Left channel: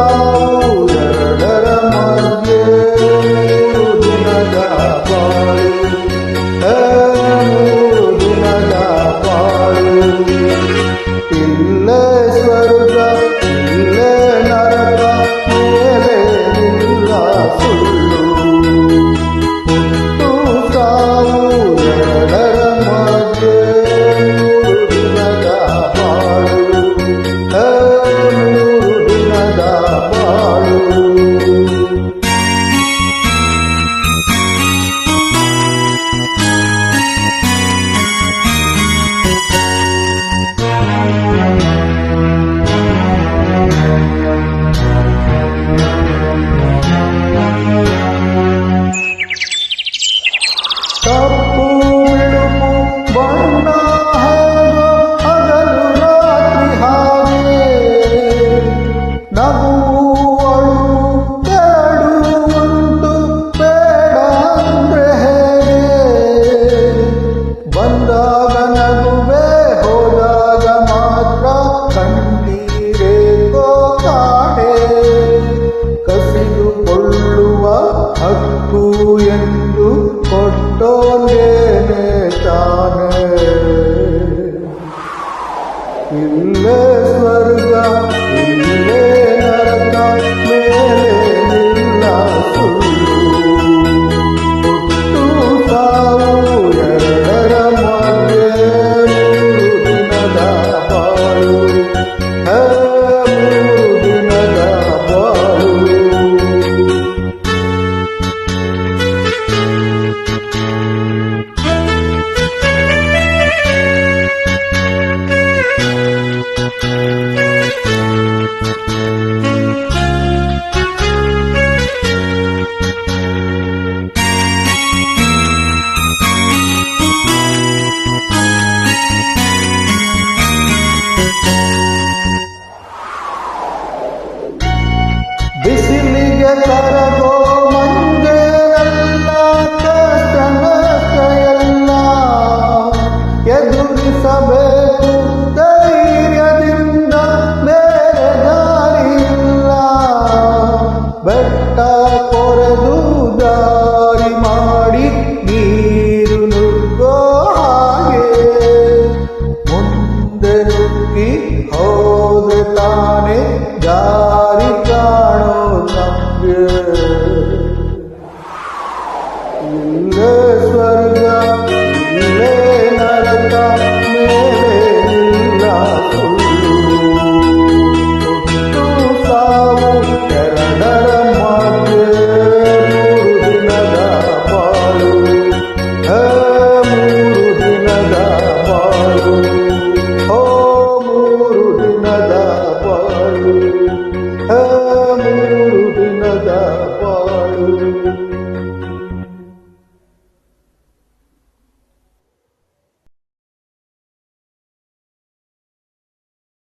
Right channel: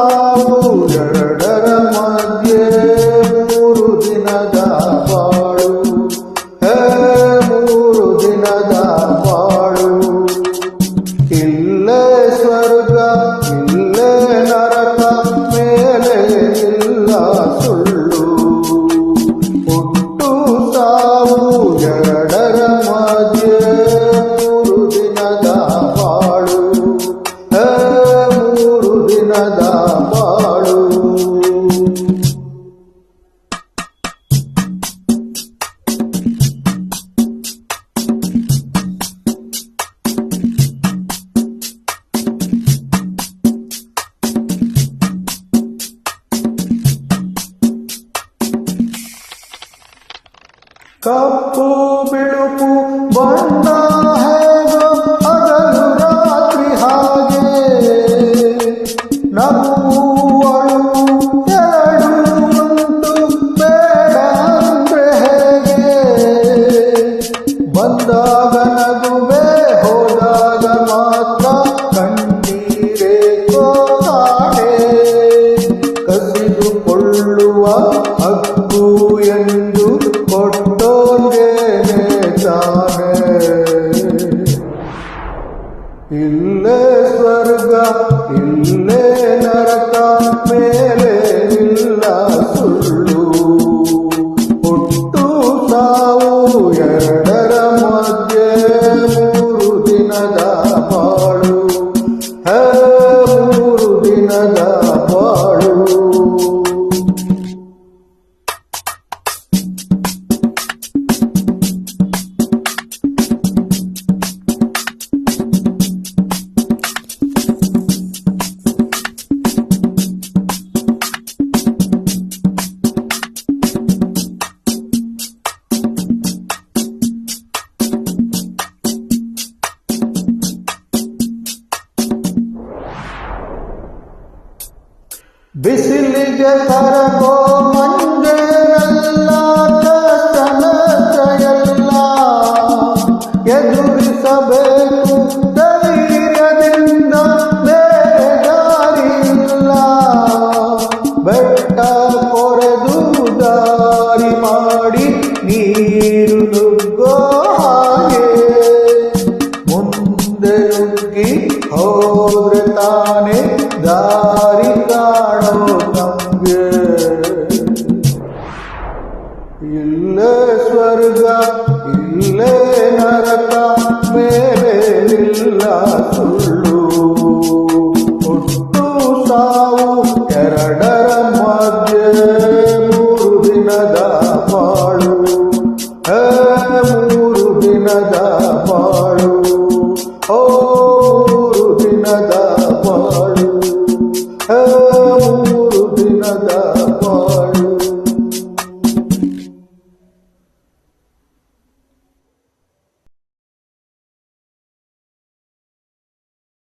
ಸಾವು ಎರಡರ ಮಧ್ಯೆ 3 ದಿನದ ಬಾಳು, 3 ದಿನದ ಬಾಳು. ಇಲ್ಲೇ ಸ್ವರ್ಗ ಇಲ್ಲೇ ನರಕ, ಮೇಲೆ ಇಲ್ಲ ಸುಳ್ಳು. ಹುಟ್ಟು ಸಾವು ಎರಡರ ಮಧ್ಯೆ 3 ದಿನದ ಬಾಳು, 3 ದಿನದ ಬಾಳು. ತಪ್ಪು ಬಿಳುಪು ಬಣ್ಣ ಹೇಗೋ ಹಗಲು ರಾತ್ರಿ ಹಾಗೆ, ನಗುವು ಅಳುವು ಎರಡು ಉಂಟು ಬೇಡ ಅಂದ್ರೆ ಹೇಗೆ. ಬಂದಾಗ ನಗುವೆ ಹೋದಾಗ ಮಾತ್ರ ಕಣ್ಣೀರೇಕೋ ಕಾಣೆ. ಕಸಿದುಕೊಳ್ಳುವ ಹಕ್ಕು ಎಂದು ಕೊಟ್ಟೋನೇನೆ ತಾನೆ. ಇಲ್ಲೇ ಸ್ವರ್ಗ ಇಲ್ಲೇ ನರಕ, ಮೇಲೆ ಇಲ್ಲ ಸುಳ್ಳು. ಹುಟ್ಟು ಸಾವು ಎರಡರ ಮಧ್ಯೆ 3 ದಿನದ ಬಾಳು, 3 ದಿನದ ಬಾಳು. ಬಿಸಿಲಿಗೆ ಕರಗೋ ಮಂಜೇನೆಲ್ಲ ಕಷ್ಟ ನಷ್ಟ ಎಲ್ಲ ಎದುರಿಸಬೇಕು ಧೈರ್ಯದಿಂದ, ಬೇರೆ ದಾರಿಯಿಲ್ಲ. ಬೆಟ್ಟ ಕೊರೆದು ದಾರಿ ಮಾಡಿ ನೀರು ನುಗ್ಗೋ ಹಾಗೆ, ಮುಂದೆ ನುಗ್ಗಿ ಹೋದ್ರೆ ತಾನೆ ದಾರಿ ಕಾಣೋ ನಮ್ಗೆ. ಇಲ್ಲೇ ಸ್ವರ್ಗ ಇಲ್ಲೇ ನರಕ, ಮೇಲೆ ಇಲ್ಲ ಸುಳ್ಳು. ಹುಟ್ಟು ಸಾವು ಎರಡರ ಮಧ್ಯೆ 3 ದಿನದ ಬಾಳು, 3 ದಿನದ ಬಾಳು. 3 ದಿನದ ಬಾಳು, 3 ದಿನದ ಬಾಳು.